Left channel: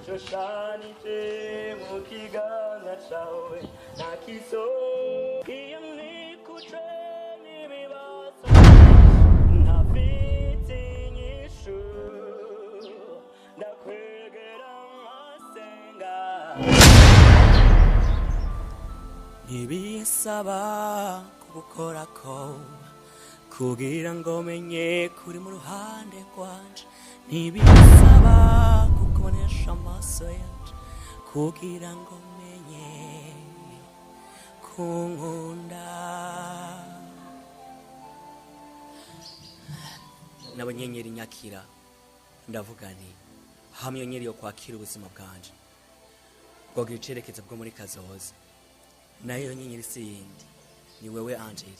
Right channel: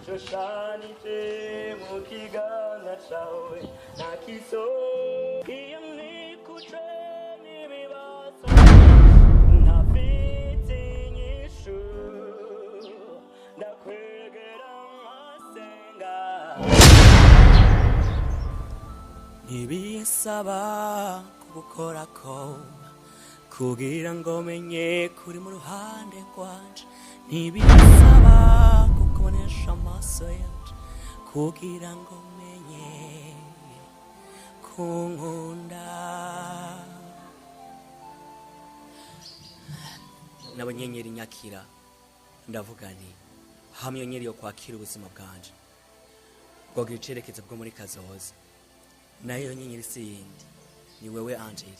Ashoshanije mu kiganza cawe nakiso iyo nikuce n'ibibazo ntafite inyishu ndakwegera nkasenga ntibisaba kugukorako kugira ngo menye kuri mu ruhande rwanje ntibisaba kukubonesha amaso yanje kugira ngo menye kunkunda n'abanyenyeri nyakira ndavuga nti hamwe nyenyeri yo kwakira ubuzima bwanje bwogira icerekezo bwo muri kazoza nayo nyenyeri si yindi ni wewe Angel.